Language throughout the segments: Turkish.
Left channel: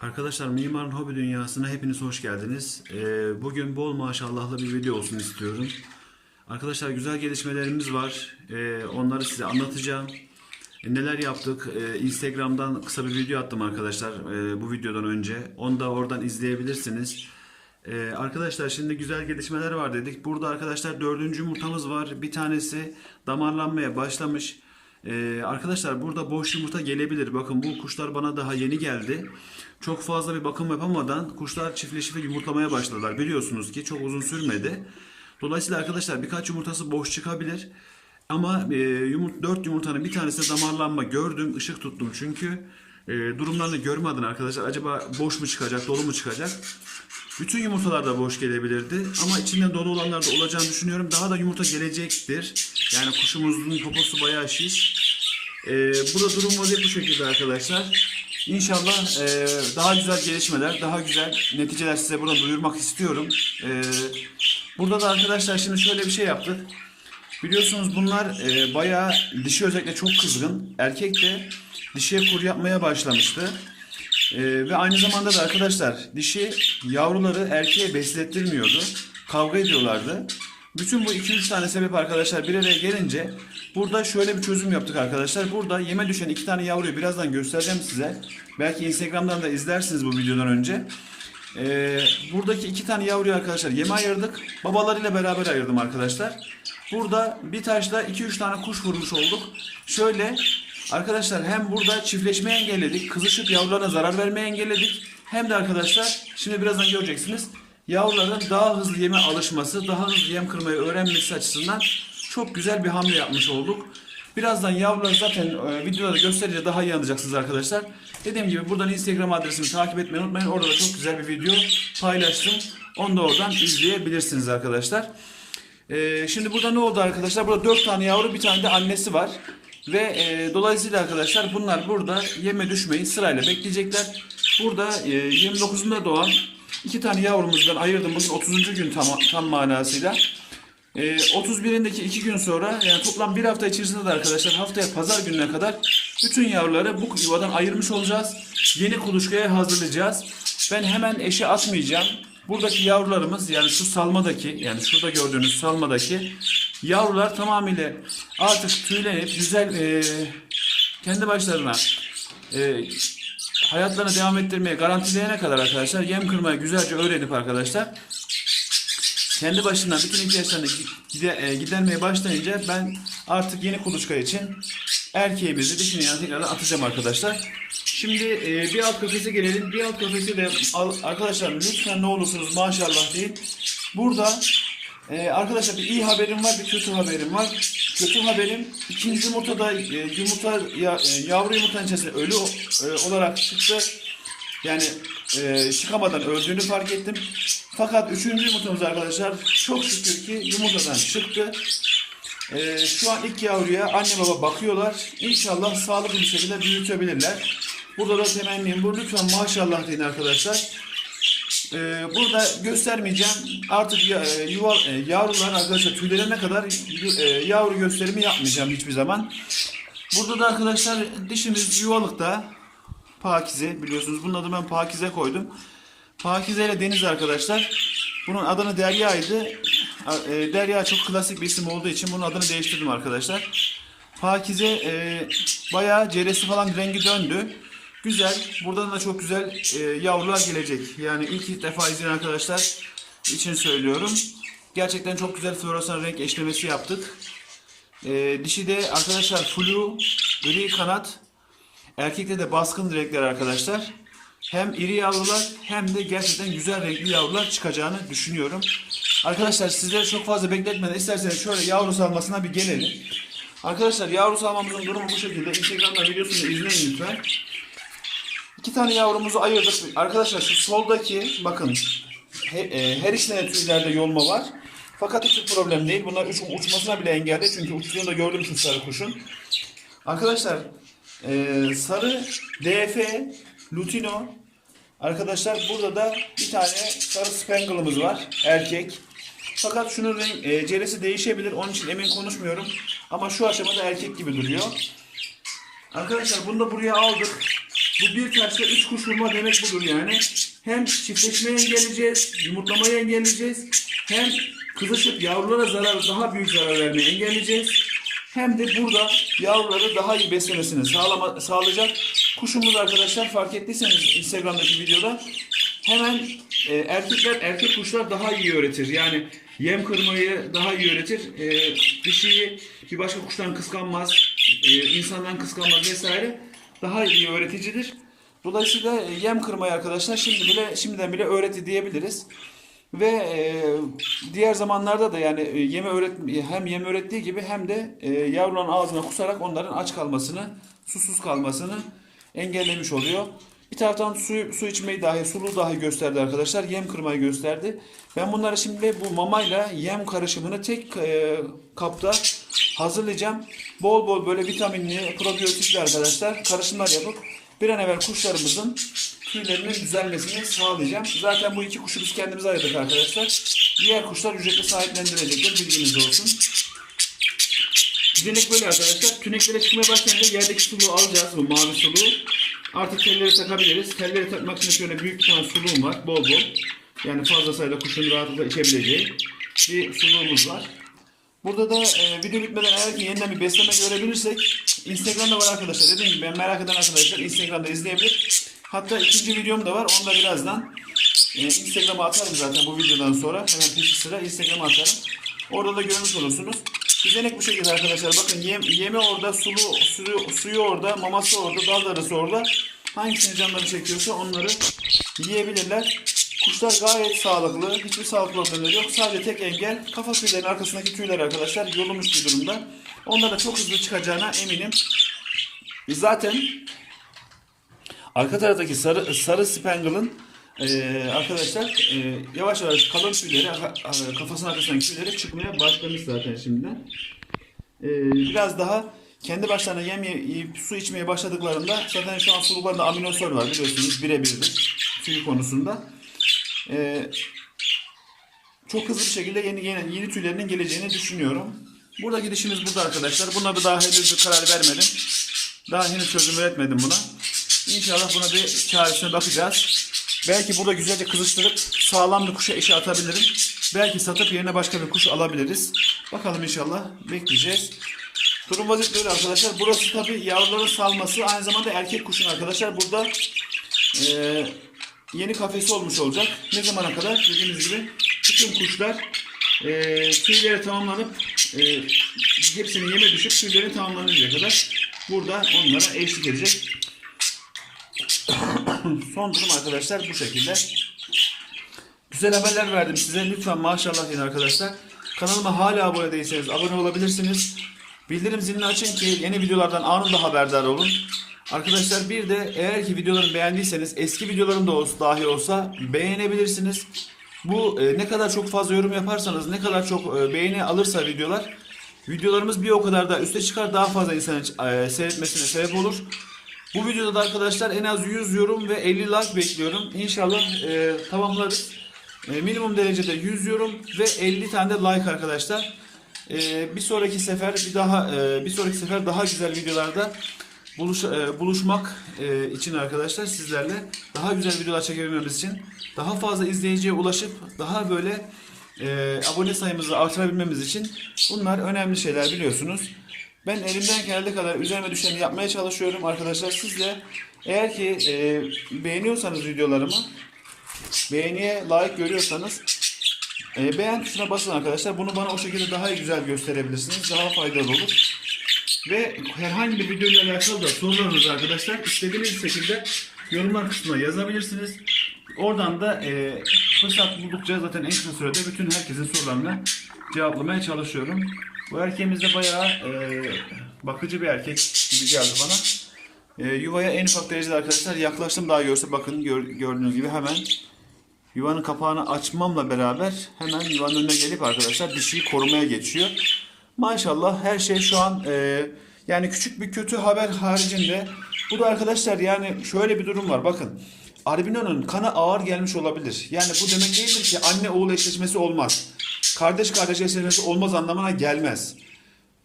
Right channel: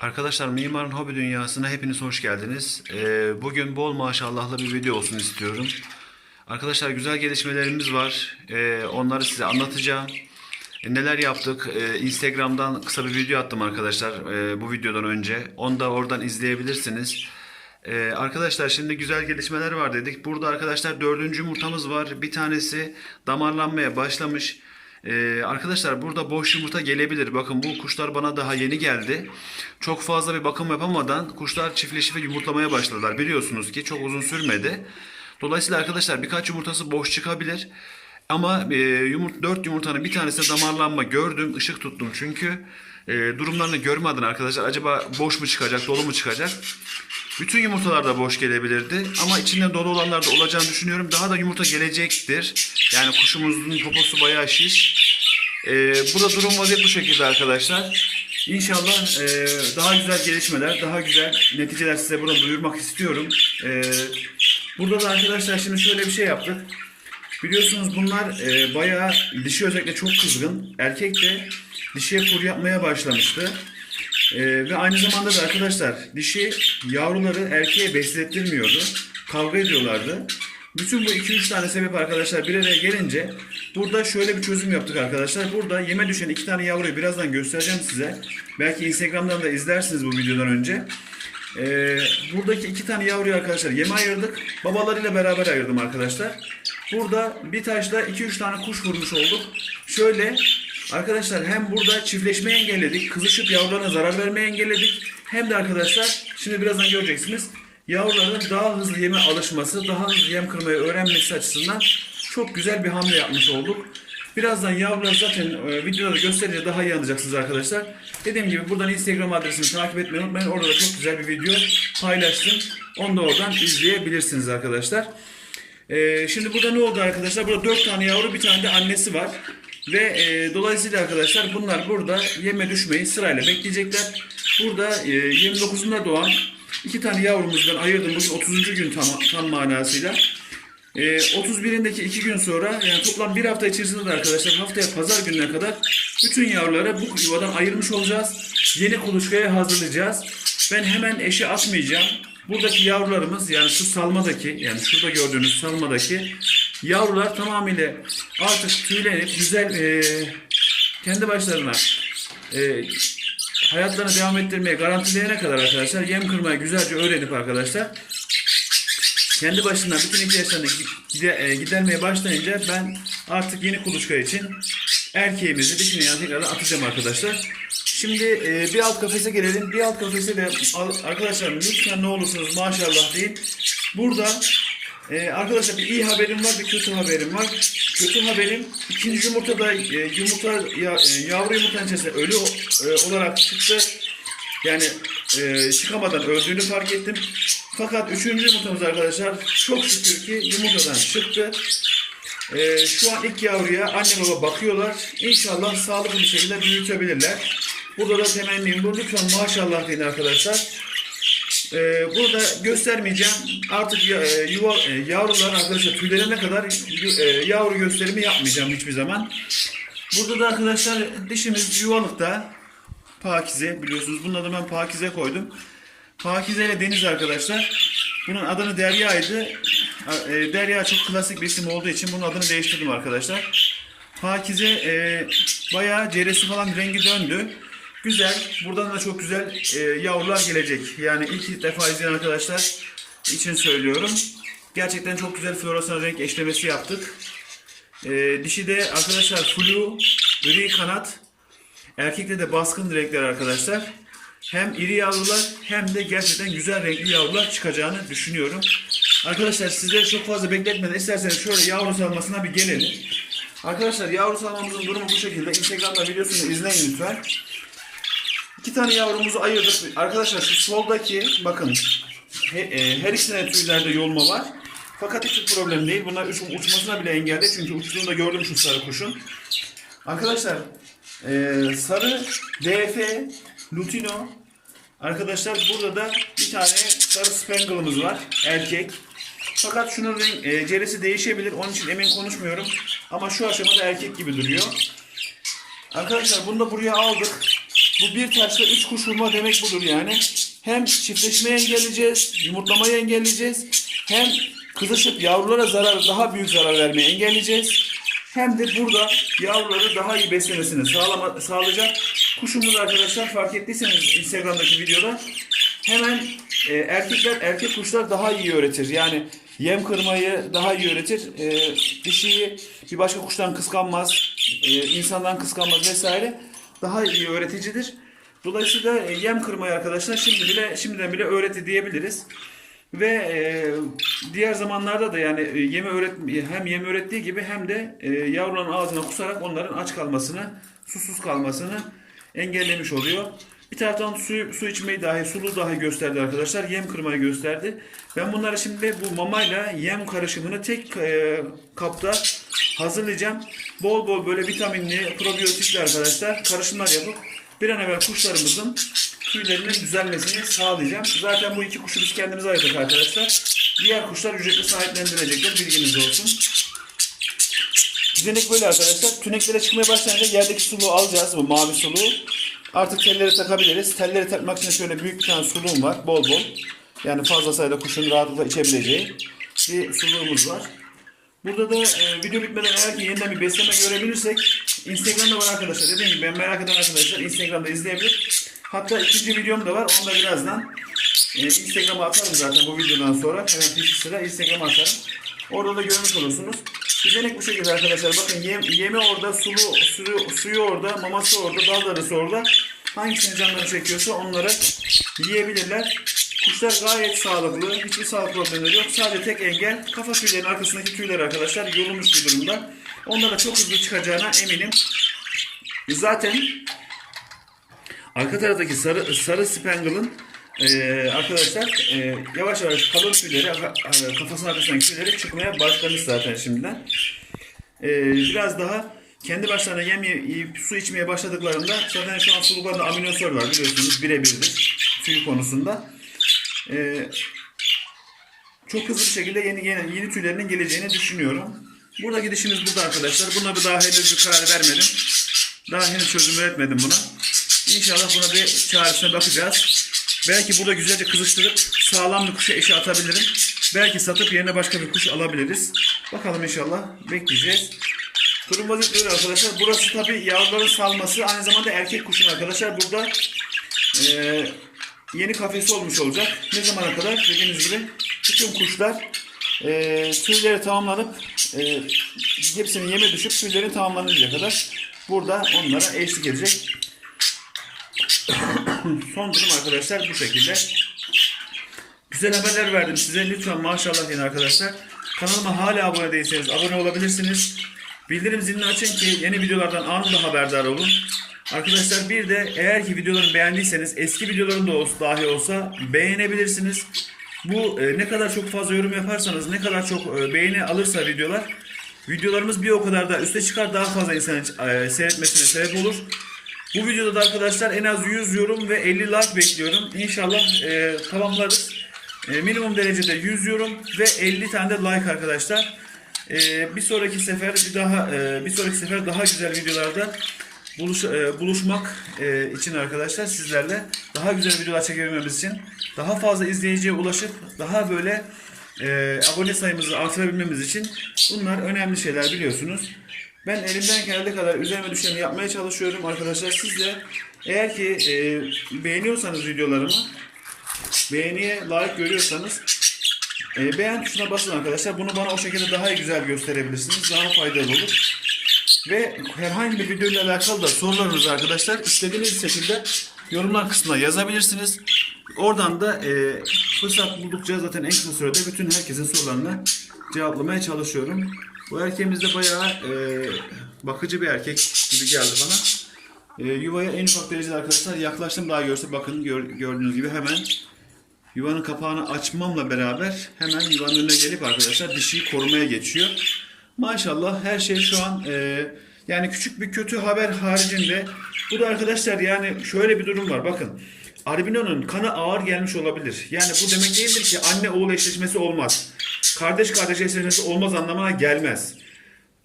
Arkadaşlar Mimarın Hobi Dünyası'na hepiniz hoş geldiniz. Ee, bugün bol maşallahlı bir video olsun istiyorum. Arkadaşlar güzel gelişmelerimiz var. Ee, onları size anlatacağım. Ee, neler yaptık? Ee, Instagram'dan kısa bir video attım arkadaşlar e, bu videodan önce. Onu da oradan izleyebilirsiniz. Ee, arkadaşlar şimdi güzel gelişmeler var dedik. Burada arkadaşlar dördüncü yumurtamız var. Bir tanesi damarlanmaya başlamış. Ee, arkadaşlar burada boş yumurta gelebilir. Bakın bu kuşlar bana daha yeni geldi. Çok fazla bir bakım yapamadan kuşlar çiftleşip yumurtlamaya başladılar. Biliyorsunuz ki çok uzun sürmedi. Dolayısıyla arkadaşlar birkaç yumurtası boş çıkabilir. Ama e, yumurt, 4 yumurtanın bir tanesinde damarlanma gördüm. ışık tuttum çünkü. E, durumlarını görme adına arkadaşlar acaba boş mu çıkacak, dolu mu çıkacak? Bütün yumurtalar da boş gelebilirdi ama içinde dolu olanlar da olacağını düşünüyorum. Daha da yumurta gelecektir. Yani kuşumuzun poposu bayağı şiş. Ee, burada durum vaziyet bu şekilde arkadaşlar. İnşallah e, daha güzel gelişmeler, daha güzel neticeler size burada duyurmak istiyorum. Ee, burada da arkadaşlar şimdi şöyle bir şey yaptık. Biliyorsunuz bunlar e, bayağı dişi özellikle çok kızgın. Erkek de dişiye kur yapmaya başlamıştı. Ee, ve aynı zamanda da arkadaşlar dişi yavruları erkeğe beslettirmiyordu. Kavga ediyorlardı. Bütün bu 2-3 tane sebep arkadaşlar bir araya gelince burada şöyle bir çözüm yaptık arkadaşlar. Burada yeme düşen iki tane yavruyu birazdan göstereceğim size. Belki Instagram'dan da izlersiniz bu videodan önce. Ee, buradaki iki tane yavruyu arkadaşlar yeme ayırdık. Babalarıyla beraber ayırdım arkadaşlar. Burada bir taşla 2-3 tane kuş vurmuş olduk. Şöyle arkadaşlar hem burada çiftleşmeyi engelledik. Kızışıp yavrularına zarar vermeyi engelledik. Hem de arkadaşlar şimdi birazdan göreceksiniz. Yavruların daha hızlı yeme alışması, daha hızlı yem kırmayı öğrenmesi açısından çok güzel bir hamle yapmış olduk. Birazdan yavruları zaten e, videoda gösterince daha iyi anlayacaksınız arkadaşlar. Dediğim gibi buradan Instagram adresimi takip etmeyi unutmayın. Orada da çok güzel bir video paylaştım. Onu da oradan izleyebilirsiniz arkadaşlar. E, şimdi burada ne oldu arkadaşlar? Burada 4 tane yavru bir tane de annesi var. Ve e, dolayısıyla arkadaşlar bunlar burada yeme düşmeyi sırayla bekleyecekler. Burada e, 29'unda doğan iki tane yavrumuzdan ayırdım. Bugün 30. gün tam, tam manasıyla. E, 31'indeki iki gün sonra yani toplam bir hafta içerisinde de arkadaşlar haftaya pazar gününe kadar bütün yavruları bu yuvadan ayırmış olacağız. Yeni kuluçkaya hazırlayacağız. Ben hemen eşe atmayacağım. Buradaki yavrularımız yani şu salmadaki yani şurada gördüğünüz salmadaki yavrular tamamıyla artık tüylenip güzel e, kendi başlarına e, hayatlarını devam ettirmeye garantileyene kadar arkadaşlar yem kırmayı güzelce öğrenip arkadaşlar kendi başına bütün ihtiyaçlarını gide- e, gidermeye başlayınca ben artık yeni kuluçka için erkeğimizi dişini yani tekrardan atacağım arkadaşlar. Şimdi e, bir alt kafese gelelim. Bir alt kafese de arkadaşlar lütfen ne olursunuz maşallah değil. Burada e, arkadaşlar bir iyi haberim var bir kötü haberim var. Kötü haberim ikinci yumurtada e, yumurta ya, e, yavru yumurtanın içerisinde ölü e, olarak çıktı. Yani e, çıkamadan öldüğünü fark ettim. Fakat üçüncü yumurtamız arkadaşlar çok şükür ki yumurtadan çıktı. E, şu an ilk yavruya anne baba bakıyorlar. İnşallah sağlıklı bir şekilde büyütebilirler. Burada da temennim bu. Lütfen maşallah deyin arkadaşlar. E, burada göstermeyeceğim. Artık ya, e, yuva, e, yavrular arkadaşlar tüylerine kadar e, yavru gösterimi yapmayacağım hiçbir zaman. Burada da arkadaşlar dişimiz yuvalıkta. Pakize biliyorsunuz. Bunun adını ben Pakize koydum. Pakize ile Deniz arkadaşlar. Bunun adını Derya'ydı. E, Derya çok klasik bir isim olduğu için bunun adını değiştirdim arkadaşlar. Pakize e, bayağı ceresi falan rengi döndü. Güzel. Buradan da çok güzel e, yavrular gelecek. Yani ilk defa izleyen arkadaşlar için söylüyorum. Gerçekten çok güzel floresan renk eşlemesi yaptık. E, dişi de arkadaşlar flu, gri kanat, Erkekte de baskın renkler arkadaşlar. Hem iri yavrular hem de gerçekten güzel renkli yavrular çıkacağını düşünüyorum. Arkadaşlar sizleri çok fazla bekletmeden isterseniz şöyle yavru salmasına bir gelelim. Arkadaşlar yavru salmamızın durumu bu şekilde. Instagram'da videosunu izleyin lütfen. İki tane yavrumuzu ayırdık. Arkadaşlar şu soldaki bakın he- e, her ikisinde de tüylerde yolma var. Fakat hiçbir problem değil. Bunlar uç, uçmasına bile engelde. Çünkü uçtuğunu da gördüm şu sarı kuşun. Arkadaşlar ee, sarı DF Lutino Arkadaşlar burada da bir tane sarı Spangle'ımız var. Erkek. Fakat şunun renk, e, ceresi değişebilir. Onun için emin konuşmuyorum. Ama şu aşamada erkek gibi duruyor. Arkadaşlar bunu da buraya aldık. Bu bir taşla üç kuş vurma demek budur yani. Hem çiftleşmeyi engelleyeceğiz, yumurtlamayı engelleyeceğiz. Hem kızışıp yavrulara zarar, daha büyük zarar vermeyi engelleyeceğiz. Hem de burada yavruları daha iyi beslemesini sağlama, sağlayacak. Kuşumuz arkadaşlar fark ettiyseniz Instagram'daki videoda hemen e, erkekler erkek kuşlar daha iyi öğretir. Yani yem kırmayı daha iyi öğretir. E, dişiyi bir başka kuştan kıskanmaz, e, insandan kıskanmaz vesaire. Daha iyi öğreticidir. Dolayısıyla e, yem kırmayı arkadaşlar şimdi bile şimdiden bile öğreti diyebiliriz. Ve e, diğer zamanlarda da yani e, yeme öğret hem yem öğrettiği gibi hem de e, yavruların ağzına kusarak onların aç kalmasını, susuz kalmasını engellemiş oluyor. Bir taraftan su, su içmeyi dahi, sulu dahi gösterdi arkadaşlar. Yem kırmayı gösterdi. Ben bunları şimdi bu mamayla yem karışımını tek e, kapta hazırlayacağım. Bol bol böyle vitaminli, probiyotikli arkadaşlar karışımlar yapıp bir an evvel kuşlarımızın tüylerinin düzelmesini sağlayacağım. Zaten bu iki kuşu biz kendimiz ayırdık arkadaşlar. Diğer kuşlar ücretli sahiplendirecekler. Bilginiz olsun. Düzenek böyle arkadaşlar. Tüneklere çıkmaya başlayınca yerdeki suluğu alacağız. Bu mavi suluğu. Artık telleri takabiliriz. Telleri takmak için şöyle büyük bir tane suluğum var. Bol bol. Yani fazla sayıda kuşun rahatlıkla içebileceği bir suluğumuz var. Burada da e, video bitmeden eğer ki yeniden bir besleme görebilirsek Instagram'da var arkadaşlar. Dediğim gibi ben merak eden arkadaşlar Instagram'da izleyebilir. Hatta ikinci videom da var. Onu da birazdan e, Instagram'a atarım zaten bu videodan sonra. Hemen peşi sıra Instagram'a atarım. Orada da görmüş olursunuz. Düzenek bu şekilde arkadaşlar. Bakın yem, yemi orada, sulu, suyu, suyu orada, maması orada, daldarısı orada. Hangisini canları çekiyorsa onları yiyebilirler. Kuşlar gayet sağlıklı. Hiçbir sağlık problemleri yok. Sadece tek engel kafa tüylerinin arkasındaki tüyler arkadaşlar yolunmuş bir durumda. Onlara çok hızlı çıkacağına eminim. Zaten arka taraftaki sarı, sarı spangle'ın eee, arkadaşlar eee, yavaş yavaş kalın tüyleri kafasının arkasındaki tüyleri çıkmaya başlamış zaten şimdiden. Eee, biraz daha kendi başlarına yem yiyip su içmeye başladıklarında zaten şu an suluklarında aminosol var biliyorsunuz birebirdir tüy konusunda. Eee, çok hızlı bir şekilde yeni yeni, yeni tüylerinin geleceğini düşünüyorum. Burada gidişimiz burada arkadaşlar. Buna bir daha henüz bir karar vermedim. Daha henüz çözüm üretmedim buna. İnşallah buna bir çaresine bakacağız. Belki burada güzelce kızıştırıp sağlam bir kuşa eşe atabilirim. Belki satıp yerine başka bir kuş alabiliriz. Bakalım inşallah. Bekleyeceğiz. Durum vaziyet böyle arkadaşlar. Burası tabi yavruların salması. Aynı zamanda erkek kuşun arkadaşlar. Burada eee, yeni kafesi olmuş olacak. Ne zamana kadar? Dediğimiz gibi bütün kuşlar eee tüyleri tamamlanıp eee hepsinin yeme düşüp tüylerin tamamlanıncaya kadar burada onlara eşlik edecek. Son durum arkadaşlar bu şekilde. Güzel haberler verdim size. Lütfen maşallah deyin arkadaşlar. Kanalıma hala abone değilseniz abone olabilirsiniz. Bildirim zilini açın ki yeni videolardan anında haberdar olun. Arkadaşlar bir de eğer ki videolarımı beğendiyseniz eski videolarım da olsa, dahi olsa beğenebilirsiniz. Bu e, ne kadar çok fazla yorum yaparsanız ne kadar çok e, beğeni alırsa videolar videolarımız bir o kadar da üste çıkar daha fazla insanın e, seyretmesine sebep olur. Bu videoda da arkadaşlar en az 100 yorum ve 50 like bekliyorum. İnşallah e, tamamlarız. E, minimum derecede 100 yorum ve 50 tane de like arkadaşlar. E, bir sonraki sefer bir daha e, bir sonraki sefer daha güzel videolarda buluş, e, buluşmak e, için arkadaşlar sizlerle daha güzel videolar çekebilmemiz için daha fazla izleyiciye ulaşıp daha böyle e, abone sayımızı artırabilmemiz için bunlar önemli şeyler biliyorsunuz. Ben elimden geldiği kadar üzerime düşeni yapmaya çalışıyorum arkadaşlar. Siz de eğer ki e, beğeniyorsanız videolarımı beğeniye layık görüyorsanız e, beğen tuşuna basın arkadaşlar. Bunu bana o şekilde daha güzel gösterebilirsiniz. Daha faydalı olur. Ve herhangi bir video ile alakalı da sorularınızı arkadaşlar istediğiniz şekilde yorumlar kısmına yazabilirsiniz. Oradan da e, fırsat buldukça zaten en kısa sürede bütün herkesin sorularını cevaplamaya çalışıyorum. Bu erkeğimiz de bayağı e, bakıcı bir erkek gibi geldi bana. E, yuvaya en ufak derecede arkadaşlar yaklaştım daha görse bakın gör- gördüğünüz gibi hemen yuvanın kapağını açmamla beraber hemen yuvanın önüne gelip arkadaşlar dişiyi korumaya geçiyor. Maşallah her şey şu an e, yani küçük bir kötü haber haricinde bu da arkadaşlar yani şöyle bir durum var bakın. Albino'nun kanı ağır gelmiş olabilir. Yani bu demek değildir ki anne oğul eşleşmesi olmaz. Kardeş kardeş eşleşmesi olmaz anlamına gelmez.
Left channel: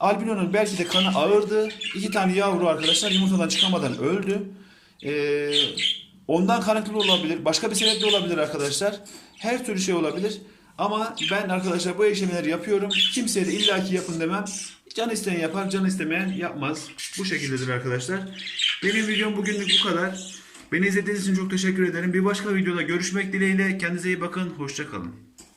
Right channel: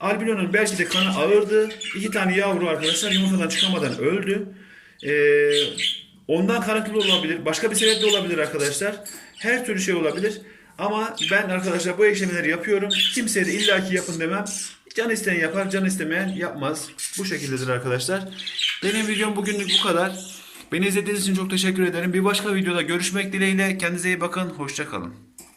Albino'nun belki de kanı ağırdı. İki tane yavru arkadaşlar yumurtadan çıkamadan öldü. Ee, ondan kaynaklı olabilir. Başka bir sebep de olabilir arkadaşlar. Her türlü şey olabilir. Ama ben arkadaşlar bu işlemleri yapıyorum. Kimseye de illaki yapın demem. Can isteyen yapar, can istemeyen yapmaz. Bu şekildedir arkadaşlar. Benim videom bugünlük bu kadar. Beni izlediğiniz için çok teşekkür ederim. Bir başka videoda görüşmek dileğiyle. Kendinize iyi bakın. Hoşça kalın.